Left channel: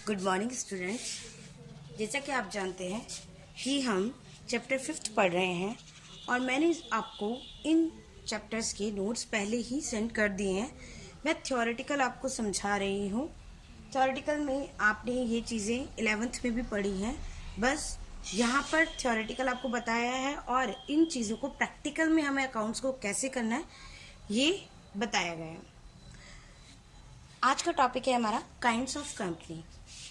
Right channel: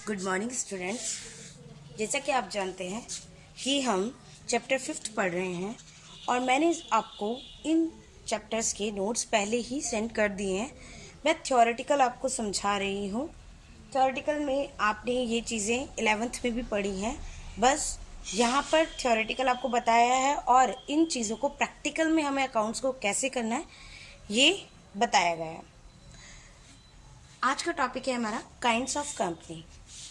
Good morning students. जैसा कि आप जानते हैं कि हम चैप्टर 5 पढ़ रहे हैं और मैंने आपको इन चैप्टर्स के नोट्स पहले ही सेंड कर दिए हैं। मैं थ्योरेटिकल आपको समझा रही हूँ। थ्योरेटिकल में आपने ये चीज़ें 11th में भी पढ़ी हैं, बस यहाँ पर थ्योरेटिकल आपको बताया है और इन चीज़ों को प्रैक्टिकल में हमें अकाउंट्स को कैसे करना है ये बताया गया है। आज का टॉपिक है हमारा kinds of company.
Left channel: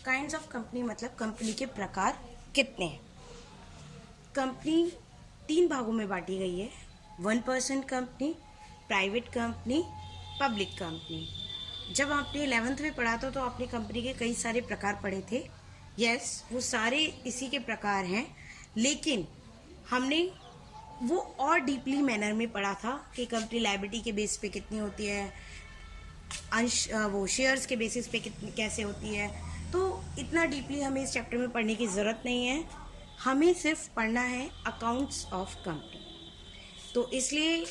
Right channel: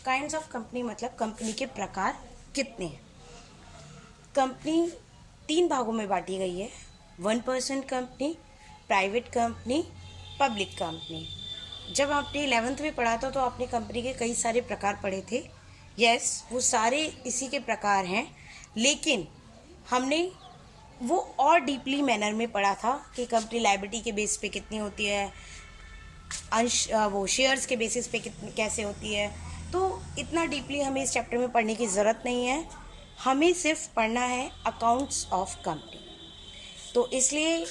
Kinds of company मतलब कंपनी के प्रकार कितने हैं। कंपनी 3 भागों में बांटी गई है: 1% company, private company, public company. जब आपने 11th में पढ़ा था तो आपने कंपनी के कई सारे प्रकार पढ़े थे। यस, वो सारे इसी के प्रकार हैं, लेकिन हमने वो और डीपली मैनर में पढ़ा था कि कंपनी लायबिलिटी के बेस पे कितनी होती है, वो शेयर्स के बेसिस पे कितनी कैसे होती है। तो इतना डीपली हमें इस चैप्टर में पढ़ने की ज़रूरत नहीं है, हमें सिर्फ पढ़ना है अकाउंट्स ऑफ कंपनी। तो इसलिए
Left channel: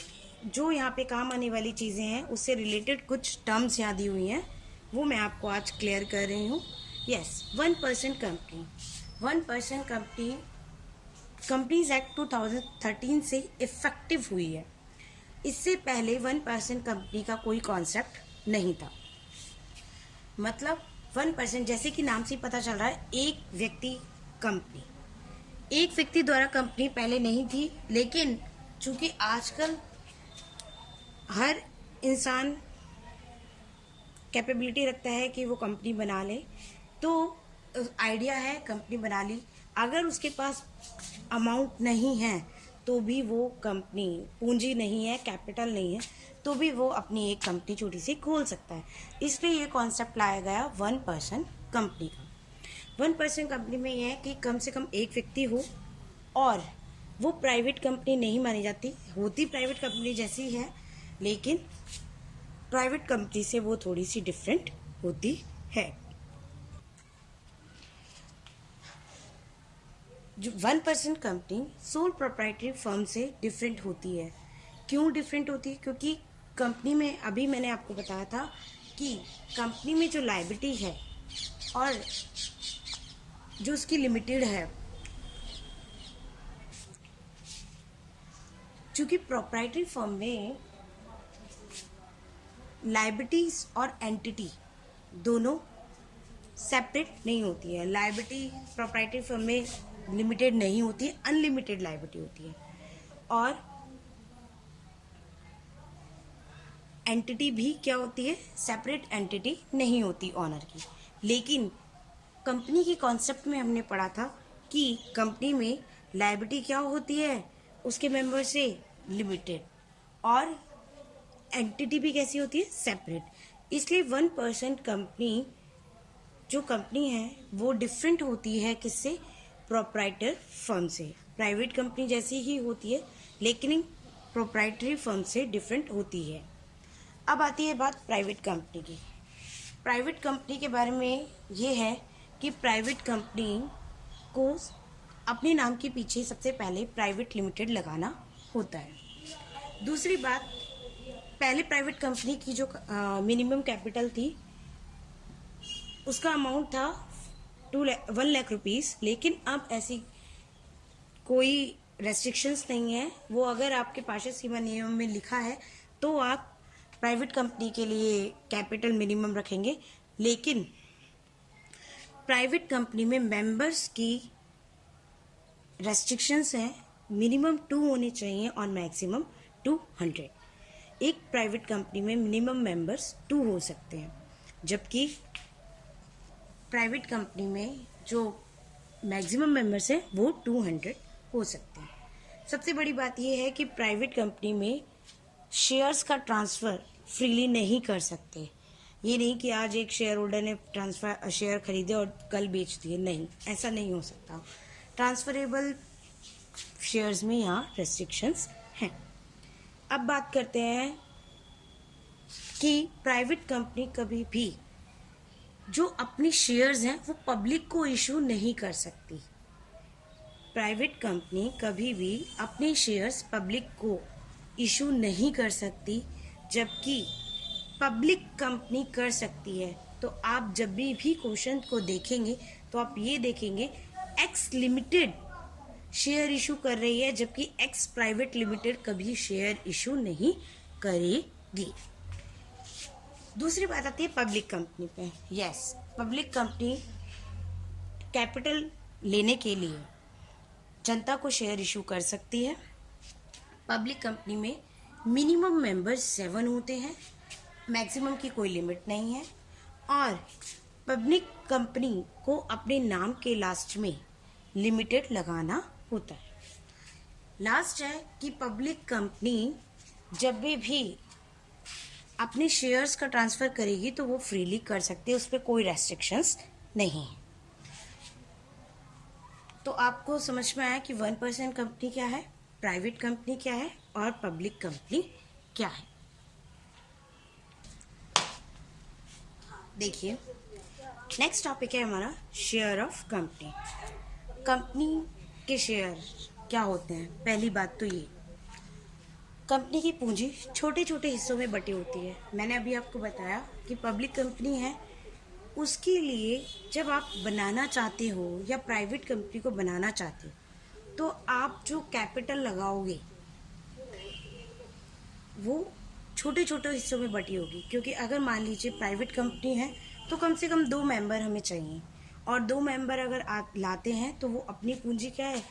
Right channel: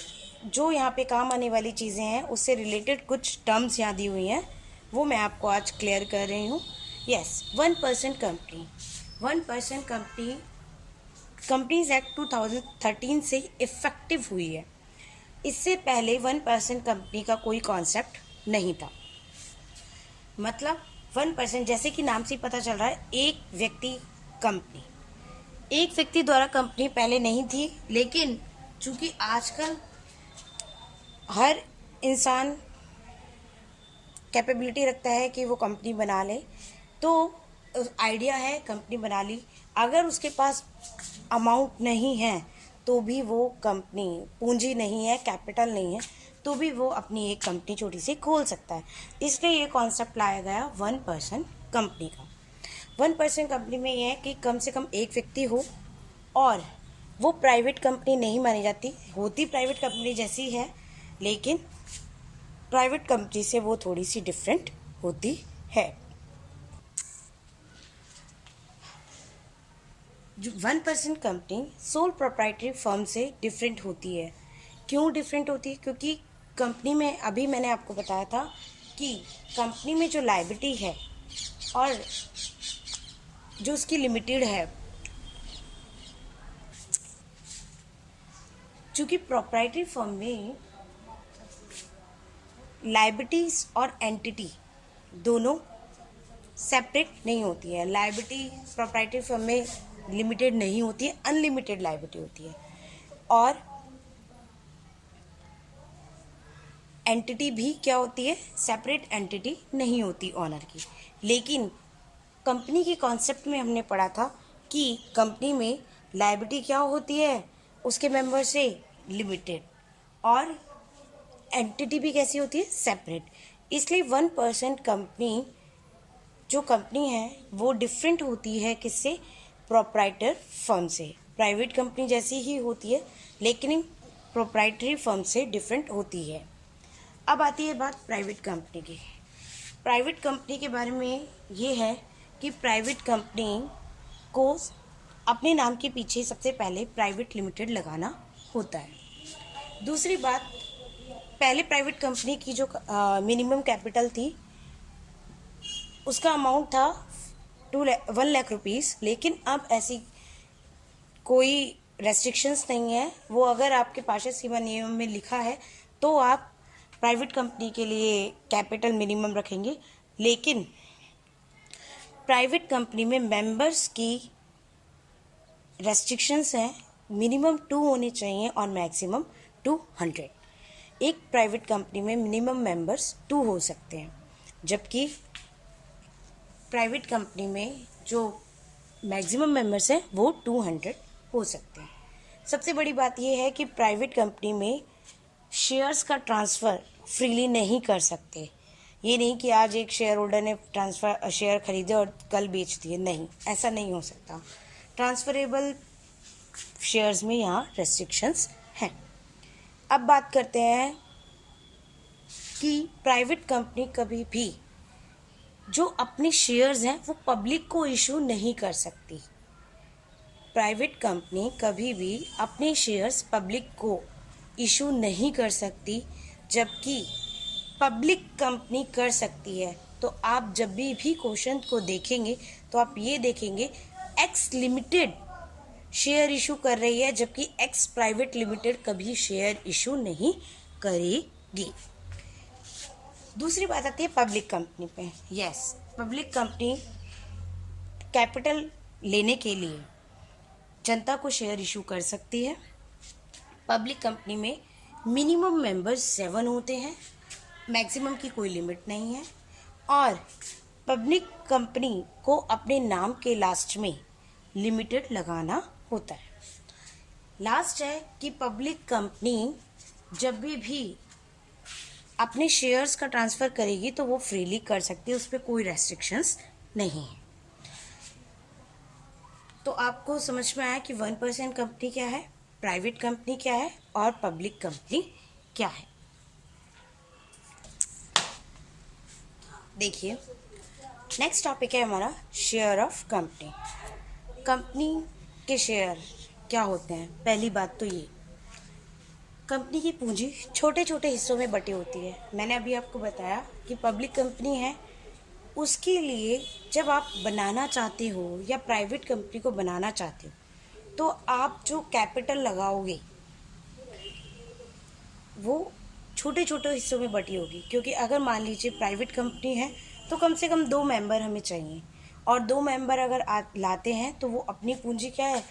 जो यहाँ पे काम आने वाली चीज़ें हैं उससे रिलेटेड कुछ टर्म्स यहाँ दी हुई हैं, वो मैं आपको आज क्लियर कर रही हूँ। Yes, 1% company. 1% company companies act 2013 से इफ़ेक्टिव हुई है। इससे पहले 1% कंपनी का कोई कॉन्सेप्ट नहीं था। मतलब 1%, जैसे कि नाम से ही पता चल रहा है, एक व्यक्ति कंपनी, एक व्यक्ति द्वारा कंपनी पहले नहीं थी, लेकिन चूंकि आजकल हर इंसान कैपेबिलिटी रखता है कि वो कंपनी बना ले, तो आइडिया है कंपनी बना ली। अगर उसके पास अमाउंट नहीं है तो भी वो कंपनी, पूंजी नहीं है, कैपिटल नहीं है, तो भी वो अपनी एक कंपनी छोटी सी खोल सकता है। इसलिए ये कॉन्सेप्ट लाया गया 1% कंपनी का। 1% कंपनी में यह है कि कम से कम एक व्यक्ति हो और वो प्राइवेट कंपनी नहीं मानी जाती, होती प्राइवेट कंपनी जैसी है, लेकिन प्राइवेट कंपनी से वो थोड़ी सी डिफरेंट होती है। जो 1% कंपनी सोल प्रोप्राइटरी फर्म से डिफरेंट होती है। क्यों डिफरेंट होती है? क्योंकि कंपनी में, अभी मैंने आपको बताया था कि कंपनी में जो लायबिलिटी है और जो उसकी लिमिटेड है, चूँकि प्रोप्राइटरी फर्म में लायबिलिटीज और एंटिटी दोनों सेपरेट नहीं होती है। लायबिलिटी प्रोप्राइटरी फर्म में लिमिटेड नहीं होती है, अनलिमिटेड लायबिलिटी होती है, और एंटिटी भी क्या होती है, सेपरेट एंटिटी नहीं होती ऑनर की। लेकिन कंपनी के कॉन्सेप्ट में हमने पढ़ा था कि कंपनी में लायबिलिटी क्या होती है, उसके मेंबर से लिमिटेड, और एंटिटी भी कैसी होती है, सेपरेट। इसलिए 1% कंपनी जो कंपनी है वो डिफरेंट होती है किससे, प्रोप्राइटर फर्म से। प्राइवेट कंपनी जैसी ही होती है, लेकिन प्रोप्राइटरी फर्म से डिफरेंट होती है। अब आती है बात प्राइवेट कंपनी की। प्राइवेट कंपनी के बारे में ये है कि प्राइवेट कंपनी को अपने नाम के पीछे सबसे पहले प्राइवेट लिमिटेड लगाना होता है। दूसरी बात, पहले प्राइवेट कंपनी की जो मिनिमम कैपिटल थी उसका अमाउंट था 1 लाख रुपीज़, लेकिन अब ऐसी कोई रेस्ट्रिक्शंस नहीं है। वो अगर आपके पार्षद सीमा नियम में लिखा है तो आप प्राइवेट कंपनी के लिए कैपिटल मिनिमम रखेंगे, लेकिन प्राइवेट कंपनी में मेंबर्स की रेस्ट्रिक्शंस हैं, मिनिमम 2 होने चाहिए और मैक्सिमम 200। एक प्राइवेट कंपनी में मिनिमम मेंबर्स 2 हो सकते हैं, जबकि प्राइवेट कंपनी में जो मैक्सिमम मेंबर्स हैं वो 200 हो सकते हैं। सबसे बड़ी बात यह है कि प्राइवेट कंपनी में शेयर्स का ट्रांसफ़र फ्रीली नहीं कर सकते। ये नहीं कि आज एक शेयर होल्डर ने शेयर खरीदे और कल बेच दिए, नहीं, ऐसा नहीं हो सकता। ट्रांसफरेबल शेयर्स में यहाँ रेस्ट्रिक्शंस हैं। अब बात करते हैं कि प्राइवेट कंपनी कभी भी जो अपने शेयर्स हैं वो पब्लिक को इशू नहीं कर सकती। प्राइवेट कंपनी कभी भी अपने शेयर्स पब्लिक को इशू नहीं कर सकती, जबकि पब्लिक कंपनी कर सकती है। तो आप जब भी क्वेश्चन को देखेंगे तो आप ये देखेंगे एक्स लिमिटेड शेयर इशू कर रही है, जबकि एक्स प्राइवेट लिमिटेड कभी शेयर इशू नहीं करेगी। दूसरी बात आती है पब्लिक कंपनी पे। यस, पब्लिक कंपनी कैपिटल लेने के लिए जनता को शेयर इशू कर सकती है। पब्लिक कंपनी में मिनिमम मेंबर्स 7 होते हैं, मैक्सिमम की कोई लिमिट नहीं है, और पब्लिक कंपनी को अपने नाम के लास्ट में लिमिटेड लगाना होता है। लास्ट है कि पब्लिक कंपनी जब भी अपने शेयर्स का ट्रांसफ़र करेगी तो वो फ्रीली कर सकती है, उस पर कोई रेस्ट्रिक्शंस नहीं है। तो आपको समझ में आया कि 1% कंपनी क्या है, प्राइवेट कंपनी क्या है और पब्लिक कंपनी क्या है। देखिए, नेक्स्ट टॉपिक है हमारा शेयर ऑफ कंपनी। कंपनी के शेयर क्या होते हैं? पहली बात तो ये, कंपनी की पूंजी छोटे छोटे हिस्सों में बटी होती है। मैंने अभी आपको बताया कि पब्लिक कंपनी है, उसके लिए जब आप बनाना चाहते हो या प्राइवेट कंपनी को बनाना चाहते हो तो आप जो कैपिटल लगाओगे वो छोटे छोटे हिस्सों में बटी होगी। क्योंकि अगर मान लीजिए प्राइवेट कंपनी है तो कम से कम 2 मेंबर हमें चाहिए, और 2 मेंबर अगर लाते हैं तो वो अपनी पूंजी क्या है,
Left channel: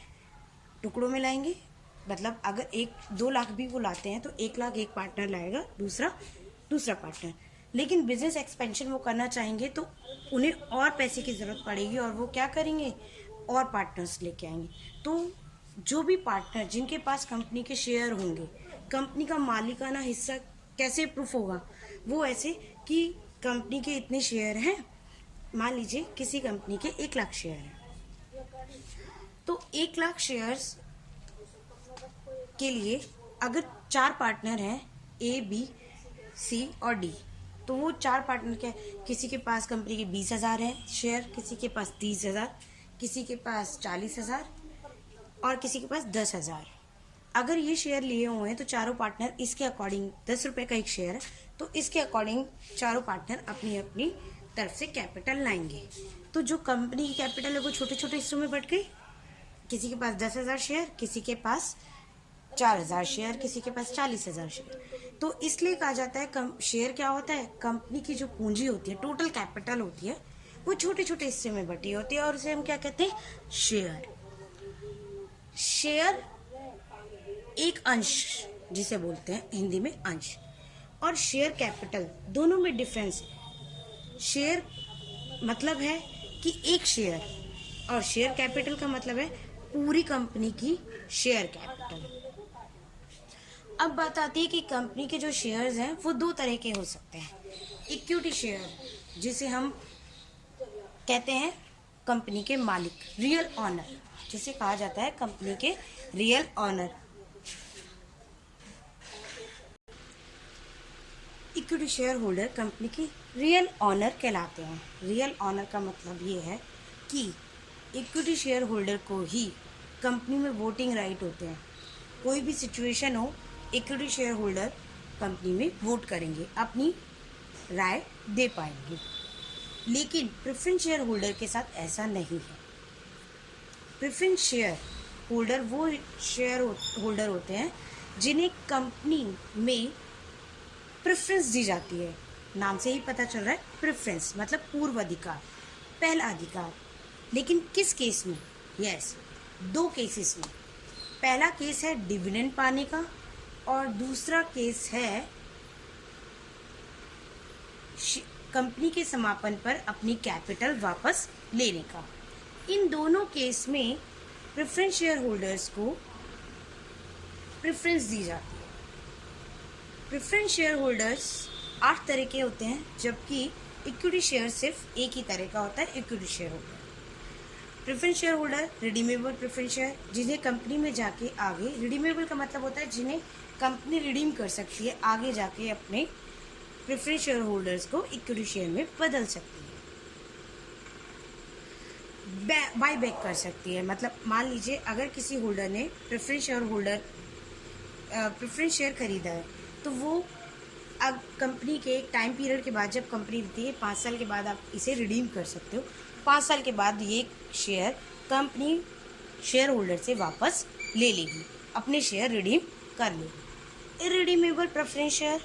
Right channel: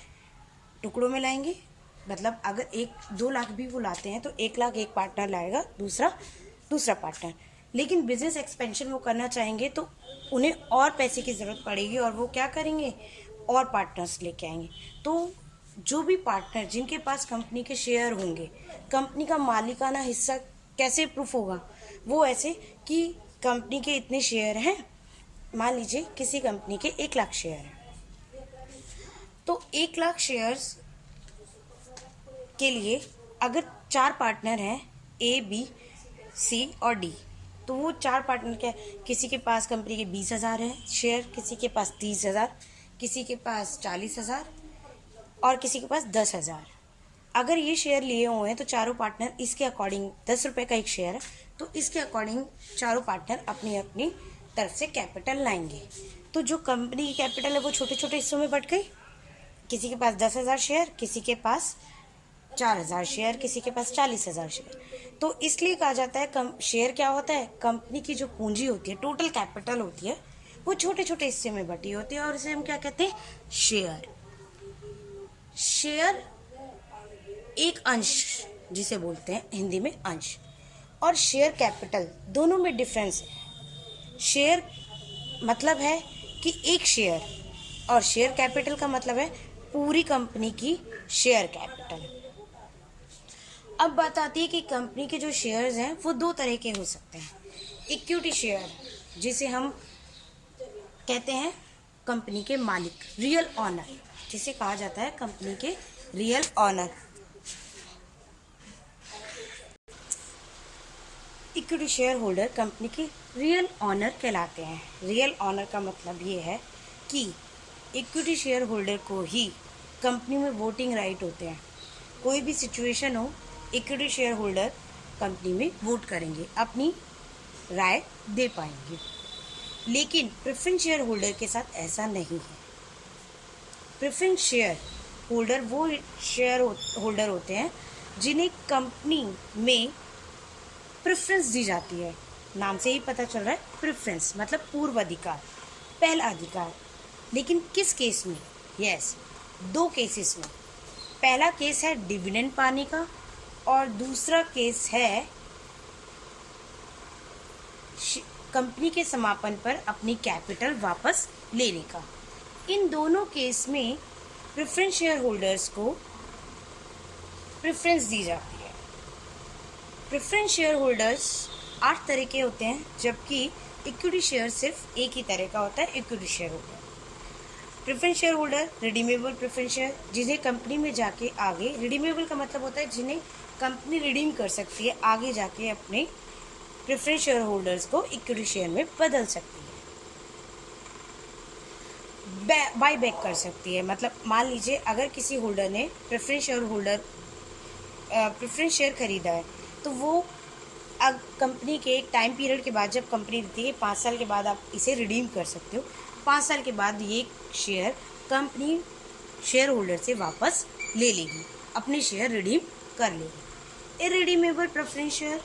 टुकड़ों में लाएंगे। मतलब अगर 2 लाख भी वो लाते हैं तो 1 लाख एक पार्टनर लाएगा, दूसरा पार्टनर। लेकिन बिजनेस एक्सपेंशन वो करना चाहेंगे तो उन्हें और पैसे की ज़रूरत पड़ेगी, और वो क्या करेंगे, और पार्टनर्स लेके आएंगे। तो जो भी पार्टनर जिनके पास कंपनी के शेयर होंगे, कंपनी का मालिकाना हिस्सा कैसे प्रूफ होगा? वो ऐसे कि कंपनी के इतने शेयर हैं, मान लीजिए किसी कंपनी के 1 लाख शेयर हैं, तो 1 लाख शेयर्स के लिए अगर 4 पार्टनर हैं, ए, बी, सी और डी, तो वो 4 पार्टनर क्या, किसी के पास कंपनी के 20,000 हैं शेयर, किसी के पास 30,000, किसी के पास 40,000 और किसी के पास 10,000। अगर ये शेयर लिए हुए हैं तो चारों पार्टनर इसके अकॉर्डिंग 10 रुपये का एक शेयर है, तो इसके अकॉर्डिंग चारों पार्टनर अपनी अपनी तरफ से कैपिटल लाएंगे। तो जो कंपनी की कैपिटल है वो छोटे छोटे हिस्सों में बट गई। किसी के पास 10,000 शेयर, किसी के पास 4,000 शेयर, किसी के पास 40,000 शेयर। तो इसलिए कहा जाता है शेयर क्या होता है, कंपनी की जो पूंजी होती है, टोटल कैपिटल होती है, वो छोटे छोटे हिस्से में बटी होती है, और इसे हम क्या कहते हैं, शेयर। शेयर एक अंश जिसे बोलते हैं हिंदी में अंश, और शेयर कैपिटल दोनों में डिफरेंस है। शेयर मतलब है कि एक शेयर, और शेयर कैपिटल का मतलब है पूरी कंपनी की शेयर कैपिटल। अब बात आती है कि कंपनी के जो शेयर्स हैं वो 2 तरह के हो सकते हैं। इक्विटी शेयर, जिसे हम कहते हैं कंपनी के मालिक, रियल ऑनर, जिसे कहा जाता है कंपनी के real owner. Equity share holder company के रियल ऑनर कहलाते हैं। रियल ऑनर का मतलब ये है कि इक्विटी शेयर होल्डर को ही कंपनी में वोटिंग राइट होते हैं। कोई भी सिचुएशन हो, इक्विटी शेयर होल्डर कंपनी में वोट करेंगे, अपनी राय दे पाएंगे। लेकिन प्रेफरेंस शेयर होल्डर के साथ ऐसा नहीं है। प्रेफरेंस शेयर होल्डर वो शेयर होल्डर होते हैं जिन्हें कंपनी में प्रेफरेंस दी जाती है। नाम से ही पता चल रहा है, प्रेफरेंस मतलब पूर्व अधिकार, पहला अधिकार। लेकिन किस केस में? यस, 2 केसेस में। पहला केस है डिविडेंड पाने का, और दूसरा केस है कंपनी के समापन पर अपनी कैपिटल वापस लेने का। इन दोनों केस में प्रेफरेंस शेयर होल्डर्स को प्रेफरेंस दी जाती है। प्रेफरेंस शेयर होल्डर्स 8 तरह के होते हैं, जबकि इक्विटी शेयर सिर्फ एक ही तरह का होता है, equity share holder. Preference share holder redeemable preference share, जिन्हें कंपनी में जाके आगे, रिडीमेबल का मतलब होता है जिन्हें कंपनी रिडीम कर सकती है, आगे जाके अपने प्रेफरेंस शेयर होल्डर्स को इक्विटी शेयर में बदल सकती है, बाय बैक कर सकती है। मतलब मान लीजिए अगर किसी होल्डर ने प्रेफरेंस शेयर खरीदा है तो वो अब कंपनी के एक टाइम पीरियड के बाद जब कंपनी देती है 5 साल के बाद आप इसे रिडीम कर सकते हो। 5 साल के बाद ये शेयर कंपनी शेयर होल्डर से वापस ले लेगी, अपने शेयर रिडीम कर लेगी। इररिडीमेबल प्रेफरेंस शेयर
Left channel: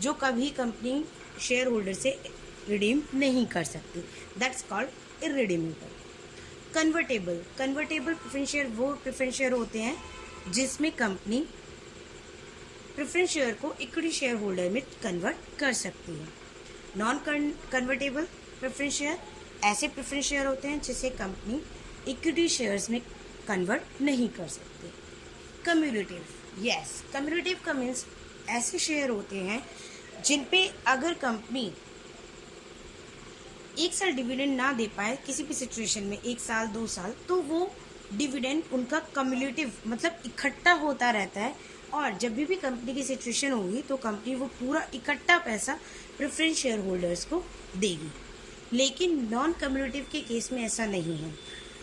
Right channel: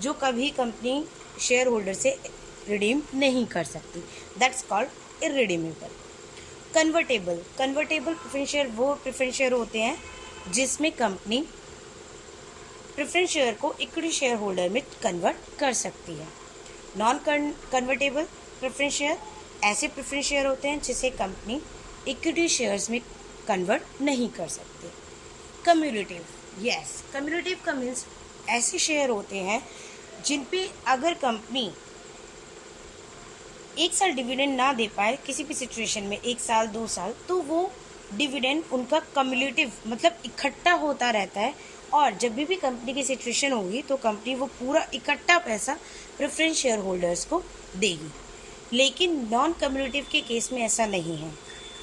जो कभी कंपनी शेयर होल्डर से रिडीम नहीं कर सकती, that's called irredeemable. Convertible preference share वो प्रेफरेंस शेयर होते हैं जिसमें कंपनी प्रेफरेंस शेयर को इक्विटी शेयर होल्डर में कन्वर्ट कर सकती है। नॉन कन्वर्टेबल प्रेफरेंस शेयर ऐसे प्रेफरेंस शेयर होते हैं जिसे कंपनी इक्विटी शेयर्स में कन्वर्ट नहीं कर सकती। कम्यूटेटिव का मीन्स ऐसे शेयर होते हैं जिन पे अगर कंपनी 1 साल डिविडेंड ना दे पाए किसी भी सिचुएशन में, 1 साल 2 साल, तो वो डिविडेंड उनका कम्युलेटिव मतलब इकट्ठा होता रहता है और जब भी कंपनी की सिचुएशन होगी तो कंपनी वो पूरा इकट्ठा पैसा प्रेफरेंस शेयर होल्डर्स को देगी। लेकिन नॉन कम्युलेटिव के केस में ऐसा नहीं है।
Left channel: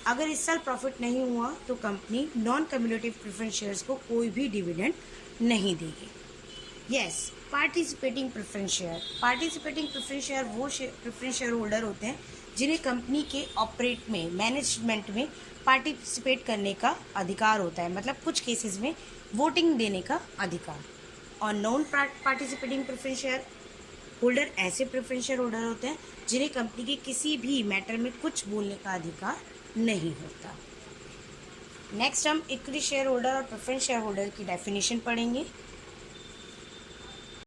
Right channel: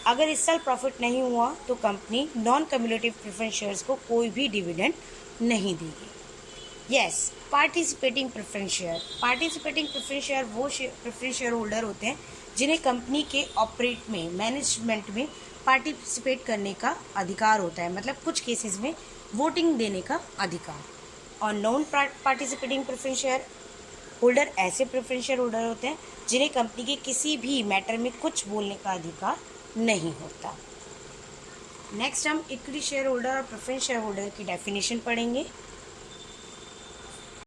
अगर इस साल प्रॉफिट नहीं हुआ तो company non cumulative preference shares को कोई भी डिविडेंड नहीं देगी। पार्टिसिपेटिंग प्रेफरेंस शेयर वो प्रेफरेंस शेयर होल्डर होते हैं जिन्हें कंपनी के ऑपरेट में, मैनेजमेंट में पार्टिसिपेट करने का अधिकार होता है, मतलब कुछ केसेस में वोटिंग देने का अधिकार। और non participating preference share holder ऐसे प्रेफरेंस शेयर होल्डर होते हैं जिन्हें कंपनी के किसी भी मैटर में कुछ बोलने का अधिकार नहीं होता। नेक्स्ट हम इक्विटी शेयर होल्डर और प्रेफरेंस शेयर होल्डर की डेफिनेशन पढ़ेंगे।